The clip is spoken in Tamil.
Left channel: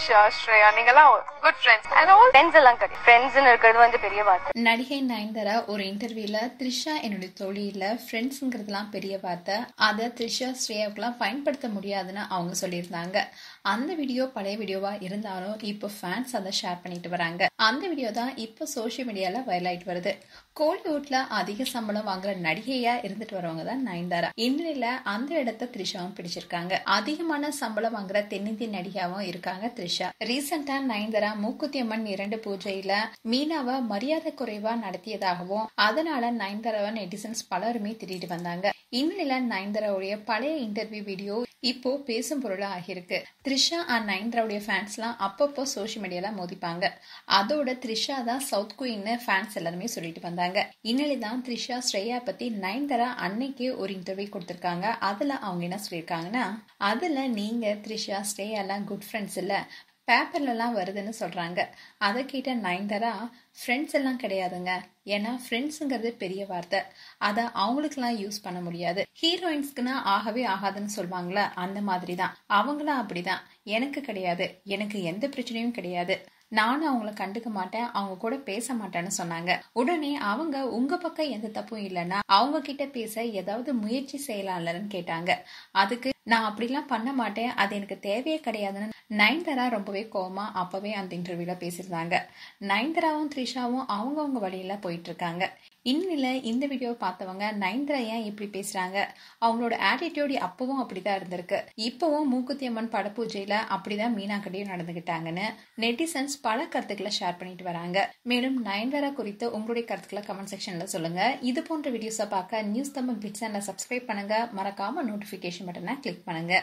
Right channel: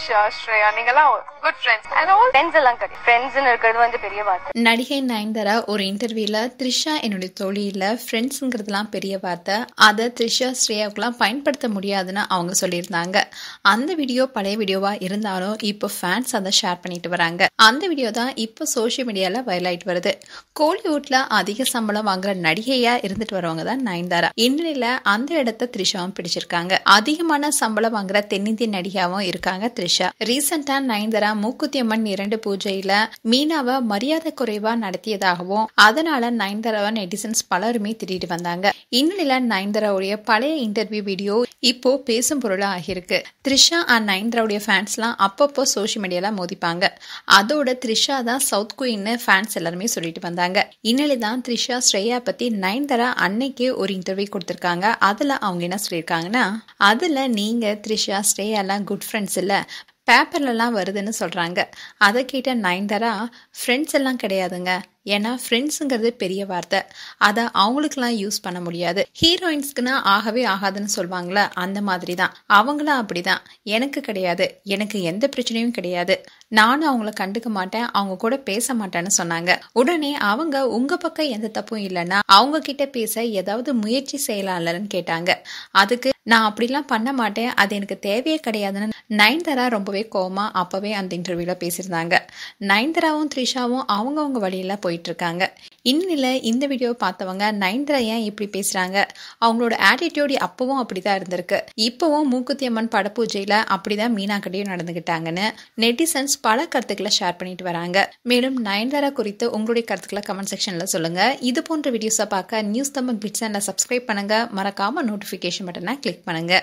ஸ்ரேயா நீங்கலாம் good friends and all friends எல்லாம் கிடையாது. ஃப்ரெண்ட்ஸ்னு இருக்கிறது வந்து பெரிய வார்த்தை. நடிகை நயன்தாரா ஒரு இன்டர்வியூல த்ரிஷா என்னுடைய தோழியில ஃப்ரெண்ட்ஸுங்கிறதுலாம் பெரிய வார்த்தை, அதை த்ரிஷா ஸ்ரேயாவுக்குலாம் பயன்படுத்த முடியாதுன்னு அவங்க சொல்லியிருந்தாங்க. அந்த வீடியோ பழைய வீடியோவா இருந்தாலும் இப்போ ஃபேன்ஸ் அதை ஷேர் பண்ணிட்டு வராங்க. அந்த வீடியோ தான் இப்போ சோஷியல் மீடியால வைரல் ஆயிட்டு வருது. கோலிவுட்ல அதிக சம்பளம் வாங்குற நடிகையா இருந்துட்டு வரவங்க தான் நயன்தாரா. இந்நிலையில அந்த இடத்த த்ரிஷாவும் பிடிச்சிருக்காங்க. அதிகமான சம்பளம் வாங்குற தென்னிந்திய நடிகாவும் இருக்காங்க த்ரிஷா. ரீசெண்டா நயன்தாரா மூக்குத்தி அம்மன் 2 பூஜையில மீனாவை மரியாதை குறைவா நடத்தியதாகவும் அதனால நயன்தாராவை நெட்டிசன்ஸ் பலருமே திட்டிட்டு வந்தாங்க. இந்நிலையில நயன்தாராவுடைய பழைய இன்டர்வியூ வீடியோ இப்போ பேசும் பொருளா ஆகியிருக்கு. த்ரிஷா அண்ட் நயன்தாராவுடைய ஃபேன்ஸ்லாம் அப்பப்போ சோஷியல் மீடியால மோதிப்பாங்க. அதோட த்ரிஷா தான் சவுத் குயின்னு ஃபேன்ஸ் எல்லாருமே சொல்லிட்டு வந்தாங்க. இந்நிலை தான் த்ரிஷா ஸ்ரேயா பத்தி நயன்தாரா அன்னைக்கே ஒரு இன்டர்வியூ கொடுத்திருக்காங்க. அதுல அவங்க என்ன சொல்லியிருக்காங்கன்னா, அதுல நீங்க த்ரிஷா ஸ்ரேயாலாம் குட் ஃப்ரெண்ட்ஸ் இல்ல, பேப்பர்லலாம் வருதுன்னு சொல்றாங்க. அதை கேட்ட நயன்தாரா, ஃப்ரெண்ட்ஸ் எல்லாம் கிடையாதுங்க, ஏன்னா ஃப்ரெண்ட்ஸுங்கிறது பெரிய வார்த்தை, அதை அவங்களுக்குலாம் யூஸ் பண்ண முடியாது. ஹீரோயின்ஸ்க்குன்னா ஆகவே ஆகாதுன்னு சொல்லுவாங்களே, அந்த மாதிரி தான் அவங்களும் அப்படிதான். எனக்கு கிடையாது, எனக்கு எந்த பிரச்சனையும் கிடையாது, நானும் அவங்கள கண்டுக்க மாட்டேன், அவங்க கூட பேச மாட்டேன்னு சொன்னாங்க. உடனே அவங்க உங்க பக்கம் எந்த தப்பும் இல்லைன்னா அவங்க கிட்ட பேச ஏதாவது முயற்சி செய்யலாம்லன்னு கேட்டாங்க. அதுக்கு நான் அப்படிலாம் பண்ண மாட்டேன், அது எனக்கு தேவையே கிடையாதுன்னு நயன்தாரா ரொம்பவே கோவமா அப்பவே அந்த இன்டர்வியூல பேசியிருந்தாங்க. நயன்தாராவும் த்ரிஷாவும் அவங்கவுங்க வழியில போயிட்டு இருக்காங்க. இந்நிலையில இந்த வீடியோ பார்த்தவங்க நயன்தாரா ஏன் இப்படி பேசுறாங்க, அவங்களோட ஆட்டிடியூட் அப்பவும் அப்படிதான் இருந்திருக்கு, இப்பவும் மூக்குத்தி அம்மன் படப்பூஜையில அப்படிதான் மீனா கிட்டையும் நடந்துகிட்டாங்கன்னு நெட்டிசன்ஸ் பல கருத்துக்களை ஷேர் பண்ணிட்டு வராங்க. மேலும் நயன்தாரா குறித்து உங்களுடைய கருத்துக்களை கமெண்ட் செக்ஷன்ல சொல்லுங்க. இது போன்ற வீடியோஸை பார்க்க நியூஸ் தமிழ் பிட்ஸ் சப்ஸ்கிரைப் பண்ணுங்க. மறக்காம நோட்டிபிகேஷன் பட்டனை கிளிக் பண்ணுங்க.